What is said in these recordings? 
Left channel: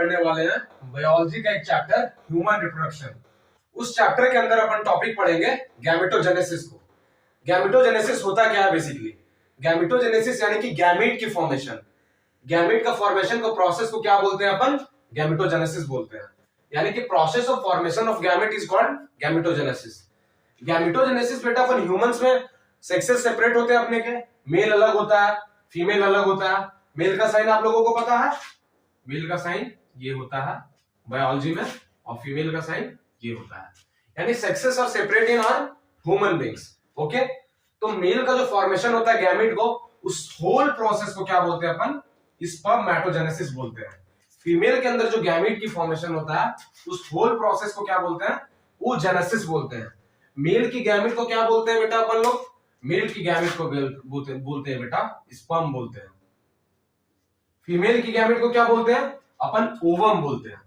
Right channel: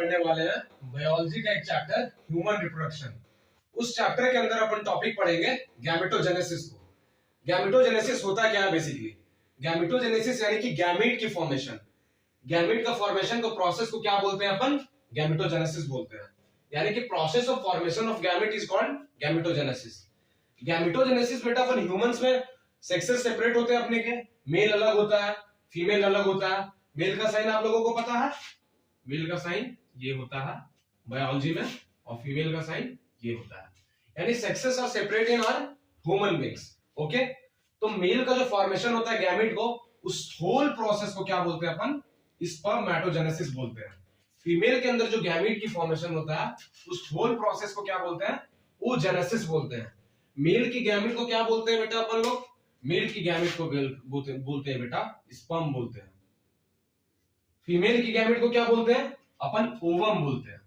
पढ़ने वाले हैं बायोलॉजी का एक चैप्टर ह्यूमन रिप्रोडक्शन। उस चैप्टर के अंदर अपन टॉपिक पढ़ेंगे गैमेटोजेनेसिस को। गैमेटोजेनेसिस होता क्या है बेसिकली? गैमेटोजेनेसिस यानी कि गैमेट की फॉर्मेशन। गैमेट का फॉर्मेशन को प्रोसेस को क्या बोलते हैं अपन? गैमेटोजेनेसिस बोलते हैं। यानी कि process of formation of gamete is called gametogenesis. Gametogenesis बेटा अपन ह्यूमंस में सेक्सेस सेपरेट होते हैं अपने के, मेल अलग होता है, फीमेल अलग होता है। मेल का साइन आप लोगों को पता है, मेल का साइन ये होता है बायोलॉजी में, और फीमेल का साइन ये होता है। यानी sexes are separate in our human beings. Okay, तो मेल का जो फॉर्मेशन होता है गैमेट को, उस होल प्रोसेस को क्या बोलते हैं अपन? स्पर्मेटोजेनेसिस बोलते हैं। फीमेल के अंदर जो गैमेट की फॉर्मेशन होता है उस होल प्रोसेस को क्या बोलते हैं? oogenesis बोलते हैं। मेल की गैमेट को क्या बोलते हैं बेटा अपन लोग? मेल की गैमेट को बोलते हैं बेटा स्पर्म बोलते हैं। फीमेल की गैमेट को क्या बोलते हैं? अपन ओवम बोलते हैं।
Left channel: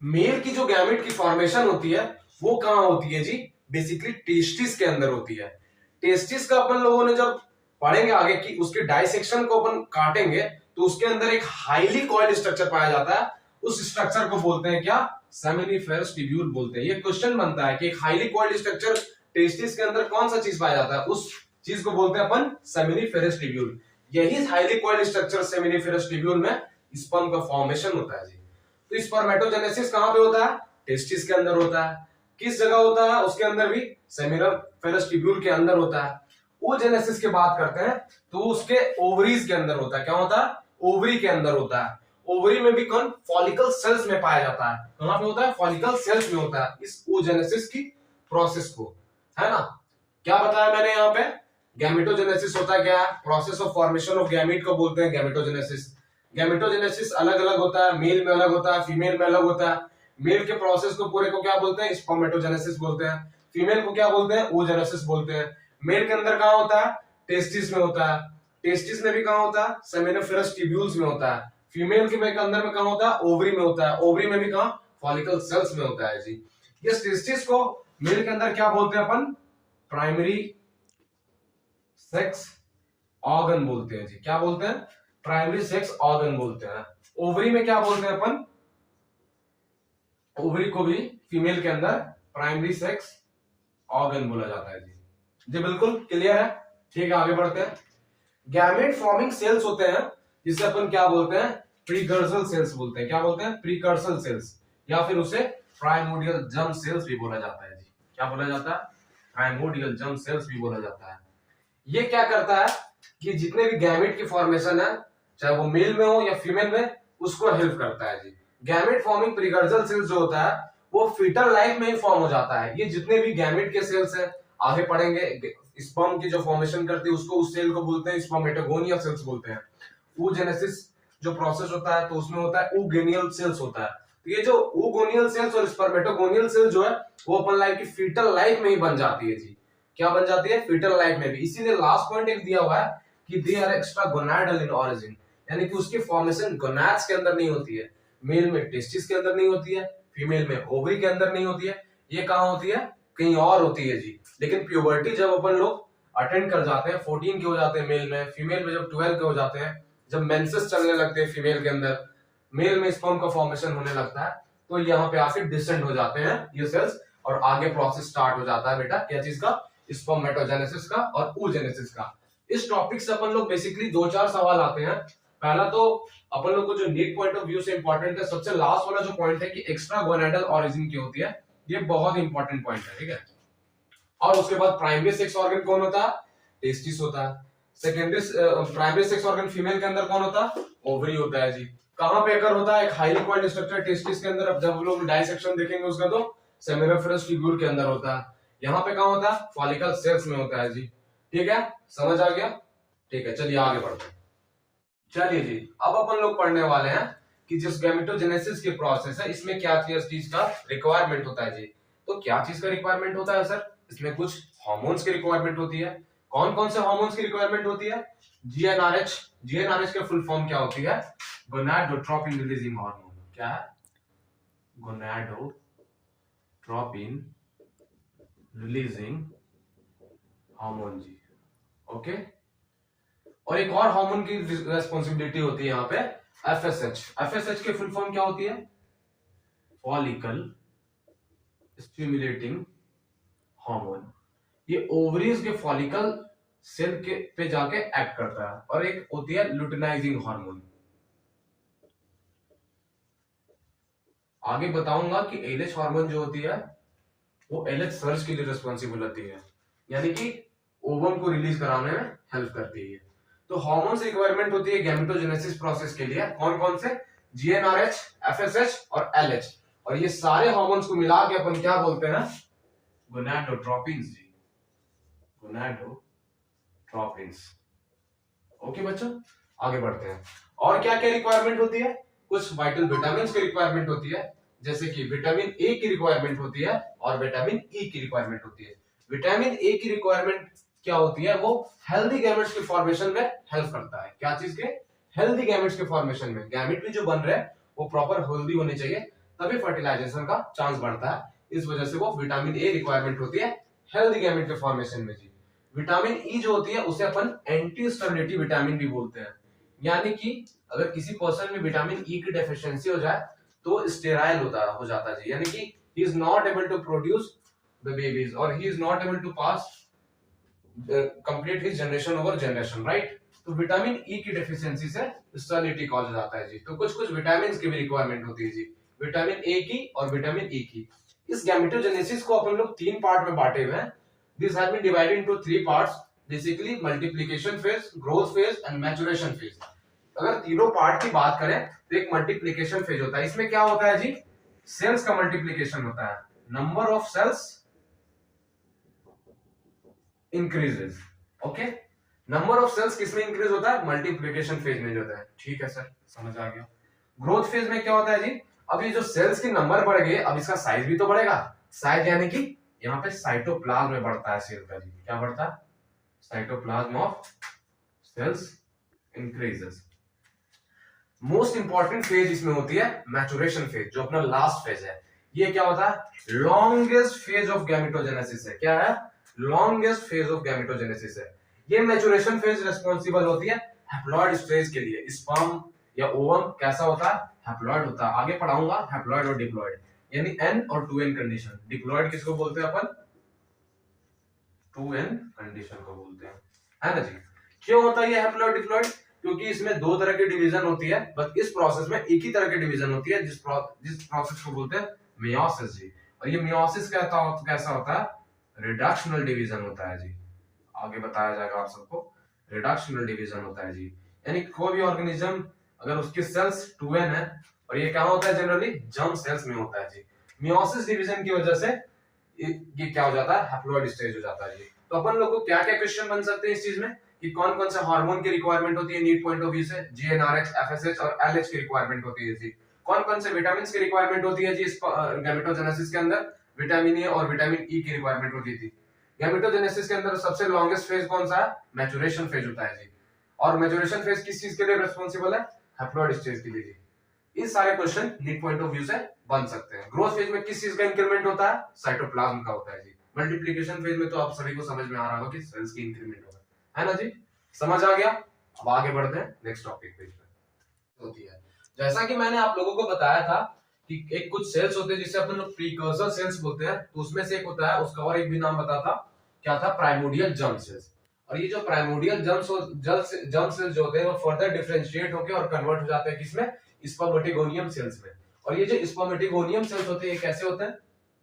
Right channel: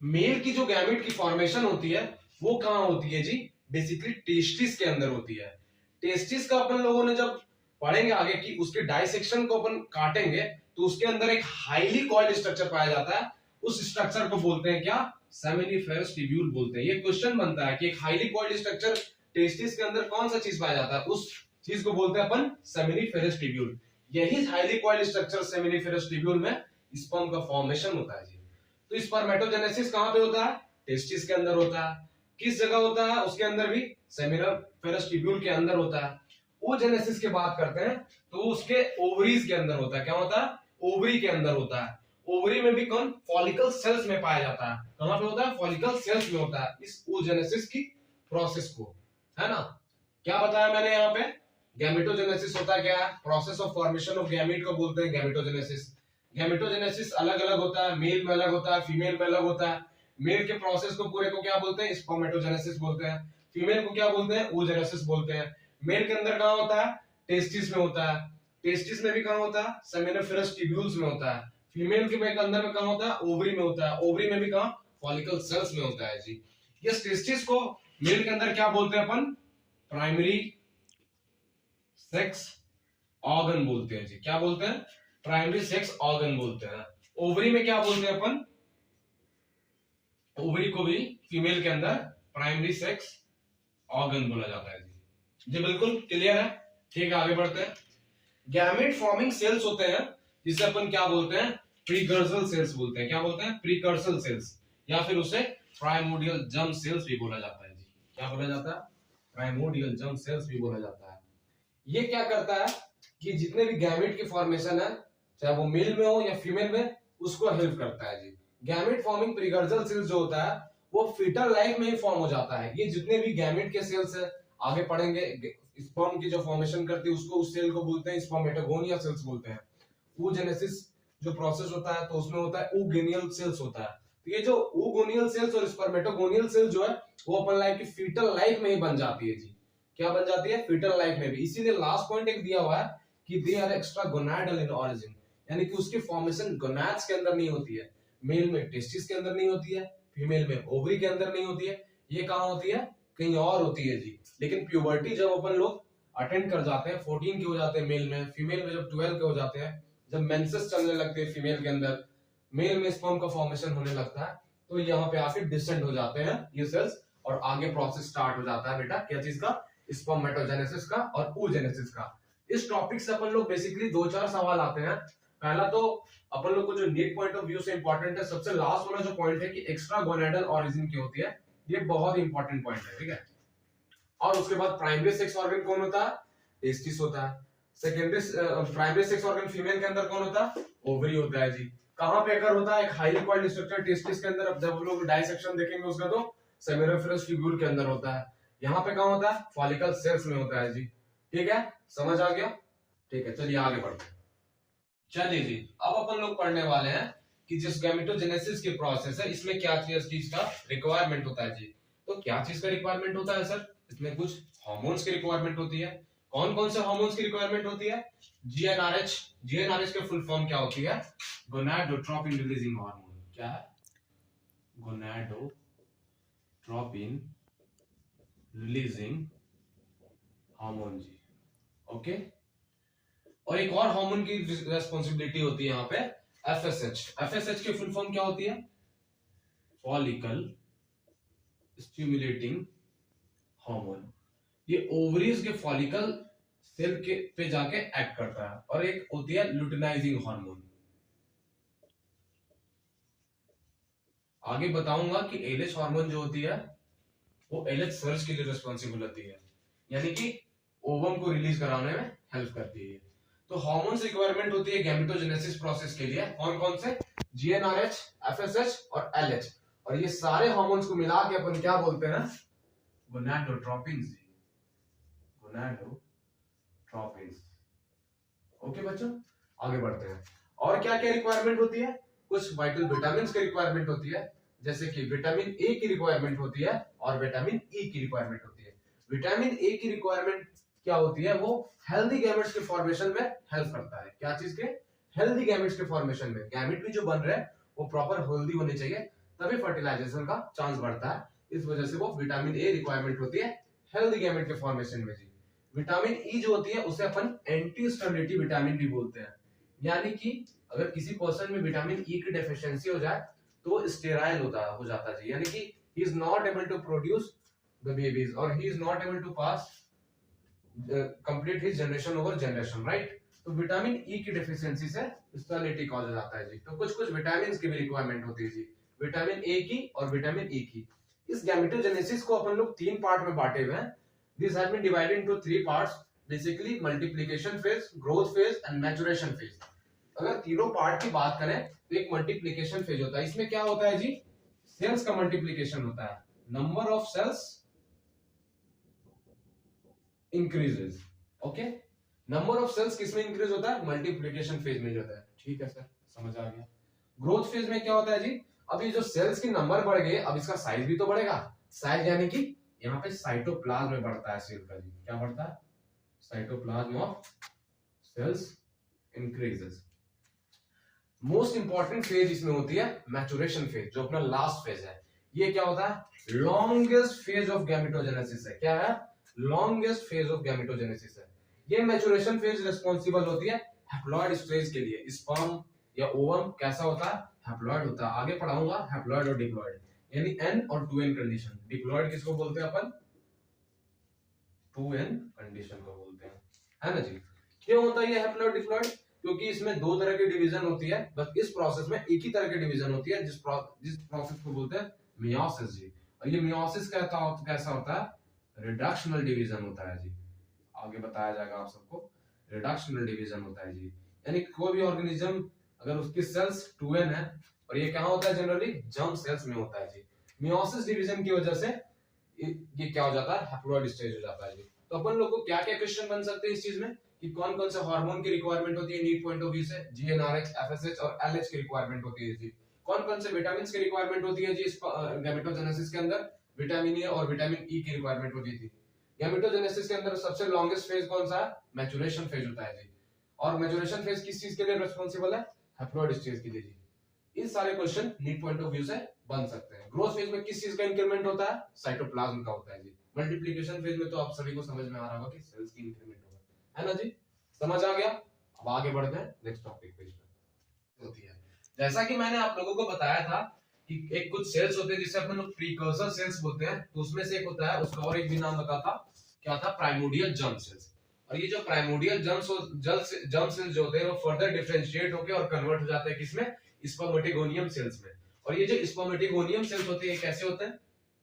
मेल की जो गैमेट की फॉर्मेशन होती है वो कहां होती है जी? बेसिकली टेस्टिस के अंदर होती है। टेस्टिस का अपन लोगों ने जब पढ़ेंगे आगे कि उसके डाइसेक्शन को अपन काटेंगे तो उसके अंदर एक हाईली कॉइल्ड स्ट्रक्चर पाया जाता है। उस स्ट्रक्चर को बोलते हैं क्या? सेमिनिफेरस ट्यूब्यूल बोलते हैं। ये क्वेश्चन बनता है कि एक हाईली कॉइल्ड स्ट्रक्चर टेस्टिस के अंदर कौन सा चीज पाया जाता है? उस चीज को बोलते हैं अपन सेमिनिफेरस ट्यूब्यूल। यही highly coiled structure seminiferous tubule में स्पर्म का फॉर्मेशन होता है जी। तो स्पर्मेटोजेनेसिस कहां पे होता है? टेस्टिस के अंदर होता है। किस जगह होता है? उसके अंदर भी सेमिनिफेरस ट्यूब्यूल के अंदर होता है। oogenesis की बात करते हैं तो उसके ओवरीज के अंदर होता है। क्या होता है? ओवरी के अंदर होता है। ओवरी में भी कौन? फॉलिकल सेल्स में पाया जाता है। कहां पे होता है? फॉलिकल सेल्स में होता है इस oogenesis की प्रोसेस को, है ना? क्या बताया मैंने यहाँ पे? गैमेटोजेनेसिस होता क्या है? Process of formation of gamete को बोलते हैं गैमेटोजेनेसिस। गैमेटोजेनेसिस अलग अलग होता है, मेल में अलग होता है, फीमेल में अलग होता है। मेल के प्रोसेस को पूरे को क्या बोलते हैं? स्पर्मेटोजेनेसिस बोलते हैं। फीमेल को क्या बोलते हैं? oogenesis बोलते हैं। मेल के अंदर कहां होता है? टेस्टिस में होता है। टेस्टिस में भी कहां होता है? सेमिनिफेरस ट्यूब्यूल्स में होता है। फीमेल के अंदर में कहां होता है? ओवरी में होता है। ओवरी में भी कहां? फॉलिकल सेल्स में होता है जी। ये टेस्टिस को मेल के अंदर क्या बोलते हैं अपन? प्राइमरी सेक्स ऑर्गन बोलते हैं जी। क्या बोलते हैं? प्राइमरी सेक्स ऑर्गन बोलते हैं। ओवरी में क्या बोलते हैं अपन? ओवरी को भी फीमेल के अंदर प्राइमरी सेक्स ऑर्गन बोला जाता है जी। जी बिल्कुल क्लियर है। ठीक है, आगे बढ़ते हैं। गैमेट फॉर्मिंग सेल्स होते हैं जिसे अपन क्या बोलते हैं? प्रीकर्सर सेल्स बोलते हैं। क्या बोलते हैं? प्रीकर्सर सेल्स, या फिर उसे प्राइमोर्डियल जर्म सेल्स भी बोला जाता है जी। क्या बोला जाता है? प्राइमोर्डियल जर्म सेल्स भी बोला जाता है। ये क्या करता है कि जितने भी गैमेट की फॉर्मेशन है, चाहे वो मेल में हो या फीमेल में, उसको हेल्प करता है जी। गैमेट फॉर्मिंग प्रीकर्सर सेल्स जो होता है वो फीटल लाइफ में ही फॉर्म हो जाता है। ये जितने भी गैमेट के सेल्स हैं, आगे पढ़ेंगे, स्पर्म की जो फॉर्मेशन करती है उसको, उस सेल को बोलते हैं स्पर्मेटोगोनिया सेल्स बोलते हैं। oogenesis जो प्रोसेस होता है तो उसमें होता है oogeneal सेल्स होता है। तो ये जो oogeneal सेल्स और स्पर्मेटोगोनियल सेल्स जो है वो अपन लाइफ की फीटल लाइफ में ही बन जाती है जी। क्या बन जाती है? फीटल लाइफ में भी। इसीलिए लास्ट पॉइंट एक दिया हुआ है कि they are extra gonadal in origin, यानी कि उसकी फॉर्मेशन गोनाड्स के अंदर नहीं होती है। मेल में टेस्टिस के अंदर नहीं होती है, फीमेल में ओवरी के अंदर नहीं होती है। ये कहां होती है? कहीं और होती है जी। लेकिन प्यूबर्टी जब अपन लोग अटेंड कर जाते हैं, 14 के हो जाते हैं मेल में, फीमेल में जब 12 के हो जाते हैं, जब मेंसेस चलने लगते हैं फीमेल के अंदर, मेल में स्पर्म का फॉर्मेशन होने लगता है, तो यहाँ पे आके डिसेंड हो जाते हैं ये सेल्स और आगे प्रोसेस स्टार्ट हो जाता है बेटा क्या चीज का? स्पर्मेटोजेनेसिस का और oogenesis का। इस टॉपिक से अपन लोग बेसिकली 2-4 सवाल आते हैं। पहला तो अपन लोग को जो नीट पॉइंट ऑफ व्यू से इंपॉर्टेंट है, सबसे लास्ट वाला जो पॉइंट है कि एक्स्ट्रा गोनाडल ऑरिजिन की होती है, ये बहुत इंपॉर्टेंट पॉइंट है, ठीक है। और उसके बाद प्राइमरी सेक्स ऑर्गन कौन होता है? टेस्टिस होता है। Secondary primary sex organ female के अंदर कौन होता है? ओवरी होता है जी। कहां पे अगर होता है? एक हाईली कॉइल्ड स्ट्रक्चर टेस्टिस के अंदर। अब जब लोग डाइसेक्शन देखेंगे उसका तो सेमिनिफेरस ट्यूब्यूल के अंदर होता है। यहाँ पे कहां होता है? फॉलिकल सेल्स में होता है जी। ठीक है, समझ आ गया? ठीक है, चलिए आगे बढ़ते हैं। चलिए जी, अब अपन लोग पढ़ने वाले हैं कि जिस गैमेटोजेनेसिस की प्रोसेस है इसमें क्या चीज का रिक्वायरमेंट होता है जी। तो क्या चीज का रिक्वायरमेंट होता है सर? इसमें कुछ हार्मोन्स की रिक्वायरमेंट होती है। कौन कौन से हार्मोन्स की रिक्वायरमेंट होती है? जीएनआरएच। जीएनआरएच का फुल फॉर्म क्या होती है? Gonadotropin releasing hormone. क्या है? गोनाडोट्रोपिन रिलीजिंग हार्मोन जी। ओके, और एक और हार्मोन की रेस्पॉन्सिबिलिटी होती है यहाँ पे एफएसएच। एफएसएच की फुल फॉर्म क्या होती है? Follicle stimulating hormone. ये ओवरीज के फॉलिकल सेल के पे जाके एक्ट करता है। और एक होती है लुटिनाइजिंग हार्मोन। आगे बताऊंगा कि एलएच हार्मोन जो होती है वो एलएच सर्ज के लिए रिस्पॉन्सिबल होती है, यानी कि ओवम को रिलीज कराने में हेल्प करती है। तो हार्मोन्स रिक्वायरमेंट होती है गैमेटोजेनेसिस प्रोसेस के लिए। कौन कौन से? जीएनआरएच, एफएसएच और एलएच। और ये सारे हार्मोन्स को मिला के अपन क्या बोलते हैं? गोनाडोट्रोपिन्स जी, गोनाडोट्रोपिन्स। ओके बच्चों, आगे बढ़ते हैं। और क्या क्या रिक्वायरमेंट होती है? कुछ वाइटल विटामिन की रिक्वायरमेंट होती है, जैसे कि विटामिन ए की रिक्वायरमेंट होती है और विटामिन ई की रिक्वायरमेंट होती है। विटामिन ए की रिक्वायरमेंट क्या होती है? वो हेल्दी गैमेट्स के फॉर्मेशन में हेल्प करता है। क्या चीज के? हेल्दी गैमेट्स के फॉर्मेशन में। गैमेट भी जो बन रहे हैं वो प्रॉपर हेल्दी होने चाहिए, तभी फर्टिलाइजेशन का चांस बढ़ता है। इस वजह से वो विटामिन ए रिक्वायरमेंट होती है हेल्दी गैमेट के फॉर्मेशन में जी। विटामिन ई जो होती है उसे अपन एंटी स्टेबिलिटी विटामिन भी बोलते हैं, यानी कि अगर किसी पर्सन में विटामिन ई की डेफिशिएंसी हो जाए तो स्टेराइल हो जाता है जी, यानी कि he is not able to produce the babies और he is not able to pass complete his generation over generation, right. तो विटामिन ई की डेफिशिएंसी से स्टेरिलिटी कॉज हो जाता है जी। तो कुछ कुछ विटामिन की भी रिक्वायरमेंट होती है जी, विटामिन ए की और विटामिन ई की। इस गैमेटोजेनेसिस को अपन लोग 3 पार्ट में बांटे हुए हैं। This has been divided into 3 parts, basically multiplication phase, growth phase and maturation phase. अगर तीनों पार्ट की बात करें तो एक मल्टीप्लिकेशन फेज होता है। इसमें क्या होता है जी? सेल्स का मल्टीप्लिकेशन होता है। Number of cells increases. Okay, number of cells किसमें इंक्रीज होता है? मल्टीप्लिकेशन फेज में जो होता है। ठीक है सर, समझ आ गया। ग्रोथ फेज में क्या होता है जी? अब ये जो सेल्स की नंबर बढ़ गए, अब इसका साइज भी तो बढ़ेगा। साइज यानी कि यहाँ पे साइटोप्लाज्म में बढ़ता है सेल का जी। क्या बढ़ता है? Cytoplasm of cells increases. Most important phase इसमें होती है मैचुरेशन फेज, जो अपना लास्ट फेज है। ये क्या होता है? लॉन्गेस्ट फेज ऑफ गैमेटोजेनेसिस है। क्या है? लॉन्गेस्ट फेज ऑफ गैमेटोजेनेसिस है। ये मैचुरेशन फेज रिस्पांसिबल होती है हैप्लॉइड स्टेज के लिए। स्पर्म या ओवम कैसा होता है? हैप्लॉइड होता है। आगे पढ़ाऊंगा हैप्लॉइड और डिप्लॉइड, यानी एन और 2n कंडीशन। डिप्लॉइड किसको बोलते हैं अपन? 2n कंडीशन को बोलते हैं, है ना जी। क्यों होता है ये हैप्लॉइड डिप्लॉइड? क्योंकि इसमें 2 तरह की डिवीजन होती है, बस इस प्रोसेस में एक ही तरह की डिवीजन होती है, जिस प्रोसेस को बोलते हैं मेयोसिस जी। और ये मेयोसिस कैसा होता है? रिडक्शनल डिवीजन होता है जी। आगे बताया जाएगा आप सबको। रिडक्शनल डिवीजन होता है जी, यानी कोई भी ऑर्गेनिज्म अगर उसके सेल्स 2n है, और ये कहां होता है? जनरली जर्म सेल्स में होता है जी। मेयोसिस डिवीजन की वजह से ये क्या हो जाता है? हैप्लॉइड स्टेज हो जाता है जी। तो अपन लोग को क्या क्या क्वेश्चन बन सकते हैं इस चीज में कि कौन कौन सा हार्मोन की रिक्वायरमेंट होती है नीड पॉइंट ऑफ व्यू से? जीएनआरएच, एफएसएच और एलएच की रिक्वायरमेंट होती है जी। कौन कौन से विटामिन की रिक्वायरमेंट होती है जी इस गैमेटोजेनेसिस के अंदर? विटामिन ए और विटामिन ई की रिक्वायरमेंट होती थी। गैमेटोजेनेसिस के अंदर सबसे लॉन्गेस्ट फेज कौन सा है? मैचुरेशन फेज होता है जी। और मैचुरेशन फेज किस चीज के लिए रिस्पांसिबल है? हैप्लॉइड स्टेज के लिए जी। इस सारे question need point of view से बन सकते हैं। ग्रोथ फेज में किस चीज का इंक्रीमेंट होता है? साइटोप्लाज्म का होता है जी। मल्टीप्लिकेशन फेज में तो आप सभी को समझ में आ रहा होगा कि सेल्स की इंक्रीमेंट होगा, है ना जी। समझ आ गया? अब आगे बढ़ते हैं नेक्स्ट टॉपिक पे। होती है, जैसा कि मैंने आप लोगों को बताया था कि एक कुछ सेल्स होते हैं जिसे अपन लोग प्रीकर्सर सेल्स बोलते हैं। तो उसमें से एक होता है, उसका और एक भी नाम बताता, क्या था? Primordial germ cells. और ये जो प्राइमोर्डियल जर्म सेल्स जो होते हैं वो फर्दर डिफरेंशिएट होकर और कन्वर्ट हो जाते हैं किसमें? स्पर्मेटोगोनियम सेल्स में। और ये जो स्पर्मेटोगोनियम सेल्स होते हैं ये कैसे होते हैं?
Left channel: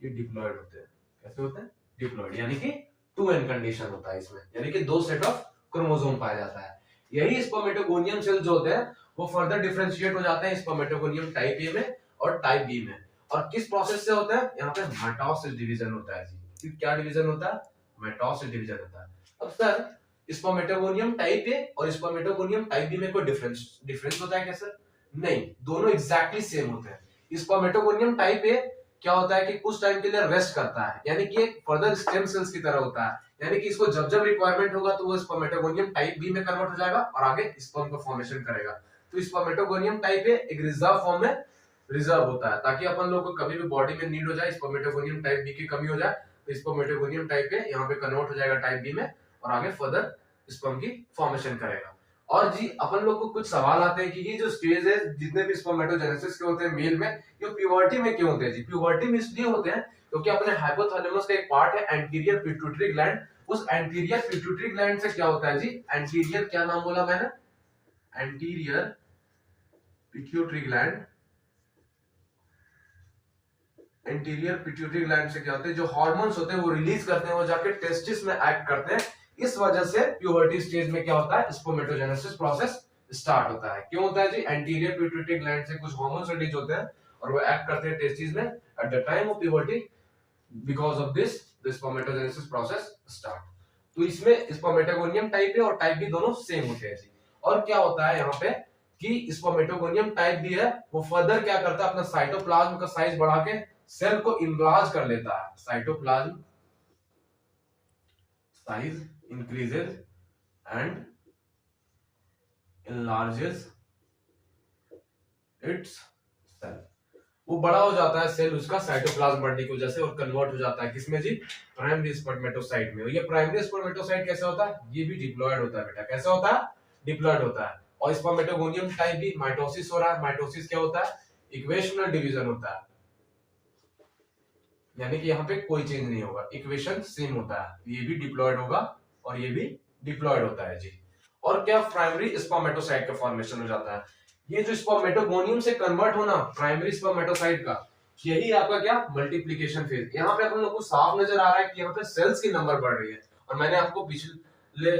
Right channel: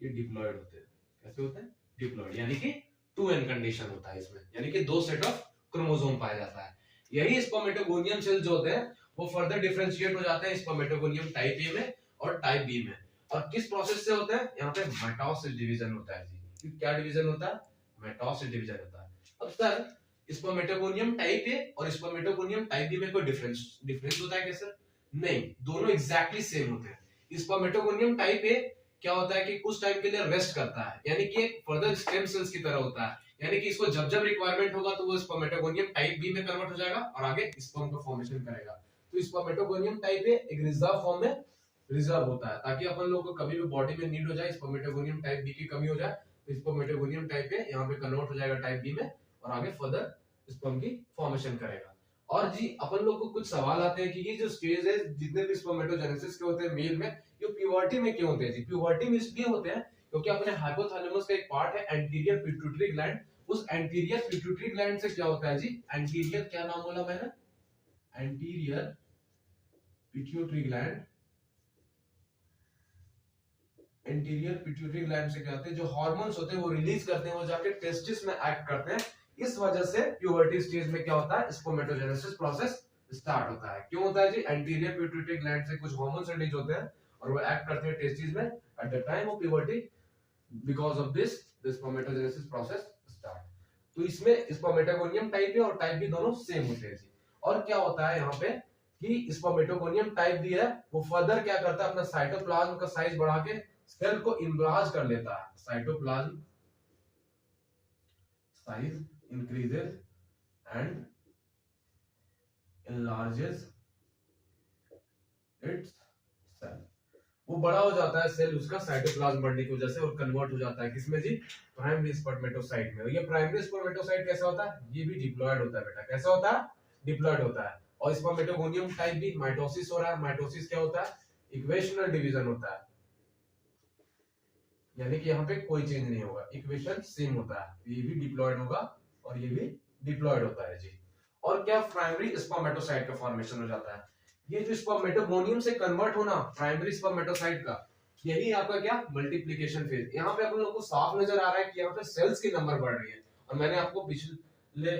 ये डिप्लॉइड होते हैं। कैसे होते हैं? डिप्लॉइड, यानी कि 2n कंडीशन होता है इसमें, यानी कि 2 सेट ऑफ क्रोमोसोम पाया जाता है। यही स्पर्मेटोगोनियम सेल्स जो होते हैं वो फर्दर डिफरेंशिएट हो जाते हैं स्पर्मेटोगोनियम टाइप ए में और टाइप बी में। और किस प्रोसेस से होता है? यहाँ पे माइटोसिस डिवीजन होता है जी। क्या डिवीजन होता है? माइटोसिस डिवीजन होता है। अब सर स्पर्मेटोगोनियम टाइप ए और स्पर्मेटोगोनियम टाइप बी में कोई डिफरेंस होता है क्या सर? नहीं, दोनों एग्जैक्टली सेम होते हैं। स्पर्मेटोगोनियम टाइप ए क्या होता है कि कुछ टाइम के लिए रेस्ट करता है, यानी कि एक फर्दर स्टेम सेल्स की तरह होता है, यानी कि इसको जब जब रिक्वायरमेंट होगा तो वो स्पर्मेटोगोनियम टाइप बी में कन्वर्ट हो जाएगा और आगे स्पर्म का फॉर्मेशन करेगा। तो स्पर्मेटोगोनियम टाइप ए एक रिजर्व फॉर्म में रिजर्व होता है, ताकि अपन लोग को कभी भी बॉडी में नीड हो जाए, स्पर्मेटोगोनियम टाइप बी की कमी हो जाए तो स्पर्मेटोगोनियम टाइप ए यहाँ पे कन्वर्ट हो जाएगा टाइप बी में और आगे फर्दर स्पर्म की फॉर्मेशन करेगा। और जी अपन लोग को कुछ सवाल आते हैं कि ये जो स्टेज है जितने भी स्पर्मेटोजेनेसिस के होते हैं मेल में, ये प्यूबर्टी में क्यों होते हैं जी? प्यूबर्टी में इसलिए होते हैं क्योंकि अपने हाइपोथैलेमस का एक पार्ट है एंटीरियर पिट्यूटरी ग्लैंड, उस एंटीरियर पिट्यूटरी ग्लैंड से क्या होता है जी, एंटीरियर क्या नाम बोला मैंने, anterior pituitary gland, anterior pituitary gland से क्या होते हैं, जो हार्मोन्स होते हैं वो रिलीज करते हैं, वो जाके टेस्टिस में एक्ट करते हैं। इस वजह से प्यूबर्टी स्टेज में क्या होता है, स्पर्मेटोजेनेसिस प्रोसेस स्टार्ट होता है। क्यों होता है जी? एंटीरियर पिट्यूटरी ग्लैंड से कुछ हार्मोन्स रिलीज होते हैं और वो एक्ट करते हैं टेस्टिस में at the time of puberty, because of this the spermatogenesis process start. तो इसमें स्पर्मेटोगोनियम टाइप है और टाइप भी दोनों सेम होते हैं जी। और क्या होता है यहाँ पे कि स्पर्मेटोगोनियम टाइप भी है, वो फर्दर क्या करता है, अपना साइटोप्लाज्म का साइज बढ़ा के सेल को इनलार्ज कर लेता है। Cytoplasm size increases and enlarges its cell, वो बड़ा हो जाता है सेल उसका साइटोप्लाज्म बढ़ने की वजह से और कन्वर्ट हो जाता है किसमें जी, प्राइमरी स्पर्मेटोसाइट में। और ये प्राइमरी स्पर्मेटोसाइट कैसा होता है, ये भी डिप्लॉयड होता है बेटा। कैसा होता है? डिप्लॉयड होता है। और स्पर्मेटोगोनियम टाइप भी माइटोसिस हो रहा है। माइटोसिस क्या होता है? इक्वेशनल डिवीजन होता है, यानी कि यहाँ पे कोई चेंज नहीं होगा, इक्वेशन सेम होता है। ये भी डिप्लॉयड होगा और ये भी डिप्लॉयड होता है जी। और क्या प्राइमरी स्पर्मेटोसाइट का फॉर्मेशन हो जाता है। ये जो स्पर्मेटोगोनियम से कन्वर्ट होना प्राइमरी स्पर्मेटोसाइट का, यही आपका क्या, मल्टीप्लिकेशन फेज। यहाँ पे अपन लोग को साफ नजर आ रहा है कि यहाँ पे सेल्स की नंबर बढ़ रही है। और मैंने आपको पिछले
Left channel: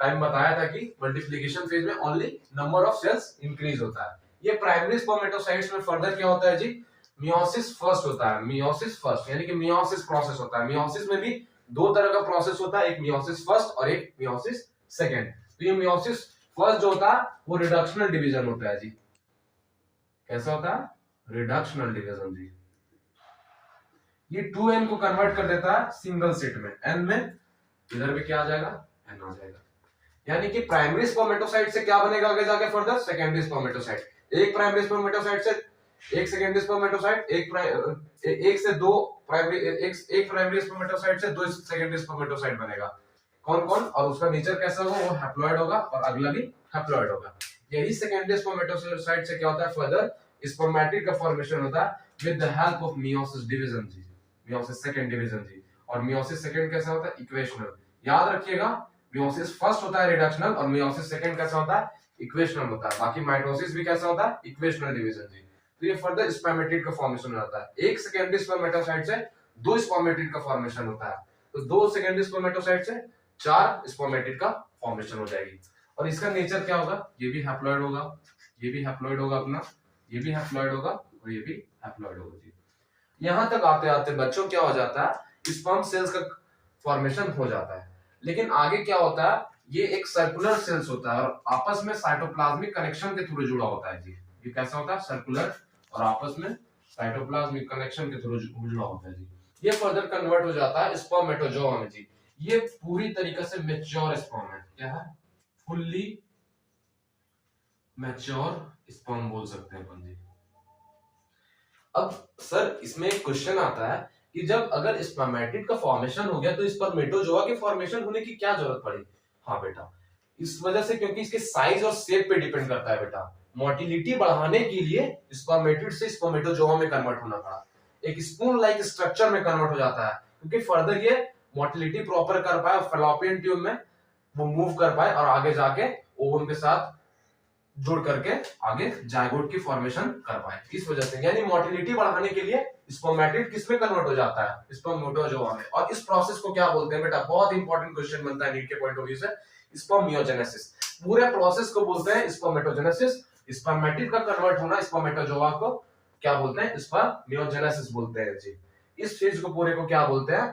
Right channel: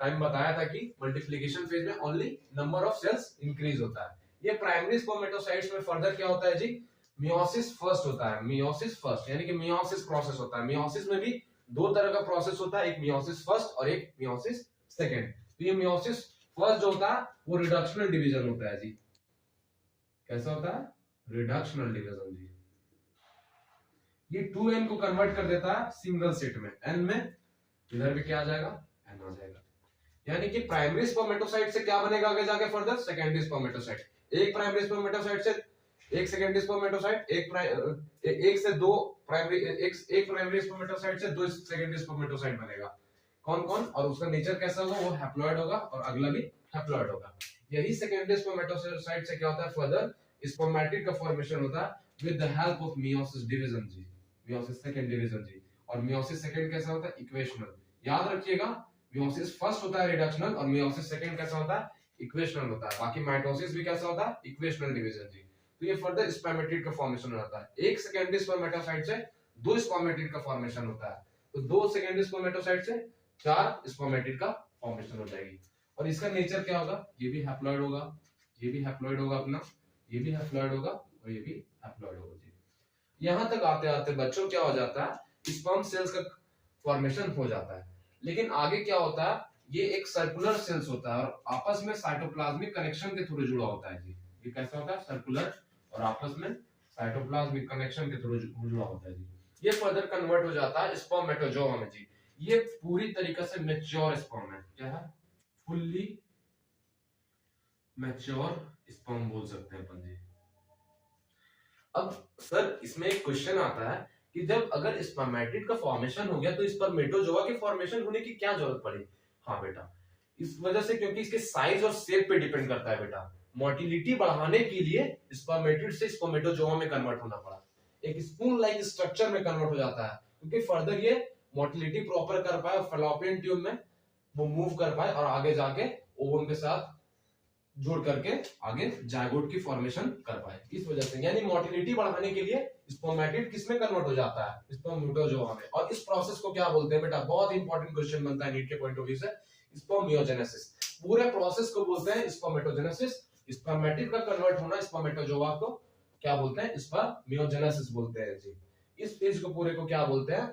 टाइम बताया था कि मल्टीप्लिकेशन फेज में only number of cells increase होता है। ये प्राइमरी स्पर्मेटोसाइट्स में फर्दर क्या होता है जी, मियोसिस फर्स्ट होता है। मियोसिस फर्स्ट यानी कि मियोसिस प्रोसेस होता है। मियोसिस में भी दो तरह का प्रोसेस होता है, एक मियोसिस फर्स्ट और एक मियोसिस सेकेंड। तो ये मियोसिस फर्स्ट जो होता है वो रिडक्शनल डिवीजन होता है जी। कैसा होता है? रिडक्शनल डिवीजन जी। ये 2n को कन्वर्ट कर देता है सिंगल सेट में, n में इधर भी क्या आ जाएगा, n आ जाएगा। यानी कि प्राइमरी स्पर्मेटोसाइट से क्या बनेगा आगे जाके फर्दर, सेकेंडरी स्पर्मेटोसाइट। एक प्राइमरी स्पर्मेटोसाइट से एक सेकेंडरी स्पर्मेटोसाइट, एक से दो प्राइमरी, एक प्राइमरी स्पर्मेटोसाइट से दो सेकेंडरी स्पर्मेटोसाइट बनेगा। कौन कौन? और उसका नेचर कैसा होगा, वो हैप्लॉइड होगा और अगला भी हैप्लॉइड होगा। यही सेकेंडरी स्पर्मेटोसाइट से क्या होता है, फर्दर स्पर्मेटिड का फॉर्मेशन होता है with the help of meiosis division जी, मियोसिस सेकंड डिवीजन जी। और मियोसिस सेकंड कैसा होता है, इक्वेशनल। याद रखिएगा, मियोसिस फर्स्ट होता है रिडक्शनल और मियोसिस सेकंड कैसा होता है, इक्वेशनल होता है। बाकी माइटोसिस भी कैसा होता है, इक्वेशनल डिवीजन जी। तो ये फर्दर स्पर्मेटिड का फॉर्मेशन होता है। एक सेकेंडरी स्पर्मेटोसाइट से दो स्पर्मेटिड का फॉर्मेशन होता है, तो दो सेकेंडरी स्पर्मेटोसाइट से चार स्पर्मेटिड का फॉर्मेशन हो जाएगी। और इसका नेचर क्या होगा, ये भी हैप्लॉइड होगा, ये भी हैप्लॉइड होगा अपना, ये भी हैप्लॉइड होगा और ये भी हैप्लॉइड होगा जी। यहां तक आते आते बच्चों क्या हो जाता है, स्पर्म सेल्स का फॉर्मेशन हो जाता है। लेकिन आगे क्या होता है, ये एक सर्कुलर सेल्स होता है और आपस में साइटोप्लाज्मिक कनेक्शन के थ्रू जुड़ा होता है जी। ये कैसा होता है, सर्कुलर और आपस में साइटोप्लाज्मिक कनेक्शन के थ्रू जुड़ा होता है जी। ये फर्दर कन्वर्ट हो जाता है स्पर्मेटोजोआ में जी। ये पूरी तरीके से मैच्योर स्पर्म है। क्या है? फुल्ली मैच्योर स्पर्म बोल सकते हैं अपन जी। अब सर इसमें एक क्वेश्चन आता है कि जब अगर स्पर्मेटिड का फॉर्मेशन हो गया तो स्पर्मेटोजोआ के फॉर्मेशन होने की क्या जरूरत पड़ी? हाँ बेटा, इस वजह से क्योंकि इसके साइज और शेप पे डिपेंड करता है बेटा। मोटिलिटी बढ़ाने के लिए स्पर्मेटिड से स्पर्मेटोजोआ में कन्वर्ट होना पड़ा, एक स्पून लाइक स्ट्रक्चर में कन्वर्ट हो जाता है, क्योंकि फर्दर ये मोटिलिटी प्रॉपर कर पाए और फैलोपियन ट्यूब में वो मूव कर पाए और आगे जाके ओवम के साथ जुड़ करके आगे जायगोट की फॉर्मेशन कर पाए। इस वजह से यानी मोटिलिटी बढ़ाने के लिए स्पर्मेटिड किसमें कन्वर्ट हो जाता है, स्पर्मेटोजोआ में। और इस प्रोसेस को क्या बोलते हैं बेटा, बहुत इंपॉर्टेंट क्वेश्चन बनता है नीट के पॉइंट ऑफ व्यू से, स्पर्मियोजेनेसिस। पूरे प्रोसेस को बोलते हैं स्पर्मेटोजेनेसिस। स्पर्मेटिड का कन्वर्ट होना स्पर्मेटोजोआ को क्या बोलते हैं, स्पर्मियोजेनेसिस बोलते हैं जी। इस फेज को पूरे को क्या बोलते हैं,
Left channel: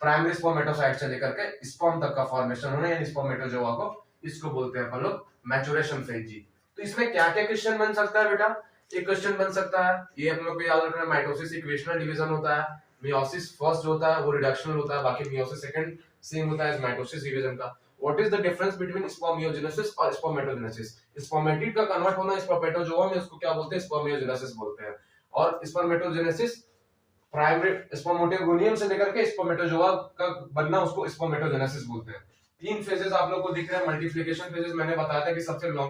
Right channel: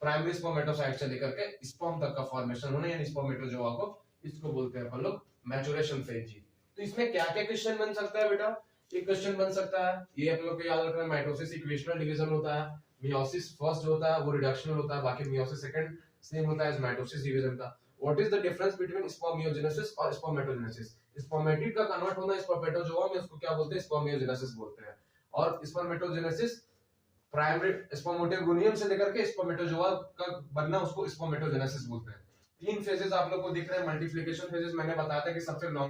प्राइमरी स्पर्मेटोसाइट से लेकर के स्पर्म तक का फॉर्मेशन होना यानी स्पर्मेटोजोआ को, इसको बोलते हैं अपन लोग मैचुरेशन फेज जी। तो इसमें क्या क्या क्वेश्चन बन सकता है बेटा, एक क्वेश्चन बन सकता है, ये हम लोग को याद रखना है, माइटोसिस इक्वेशनल डिवीजन होता है, मियोसिस फर्स्ट जो होता है वो रिडक्शनल होता है, बाकी मियोसिस सेकंड सेम होता है माइटोसिस डिवीजन का। What is the difference between spermiogenesis और स्पर्मेटोजेनेसिस? स्पर्मेटिड का कन्वर्ट होना स्पर्मेटोजोआ में, उसको क्या बोलते हैं, स्पर्मियोजेनेसिस बोलते हैं। और स्पर्मेटोजेनेसिस प्राइमरी स्पर्मेटोगोनियम से लेकर के स्पर्मेटोजोआ का बनना, उसको स्पर्मेटोजेनेसिस बोलते हैं। 3 फेजेस आप लोग को दिख रहे हैं। मल्टीप्लिकेशन फेजेस मैंने बताया था कि सबसे लॉन्ग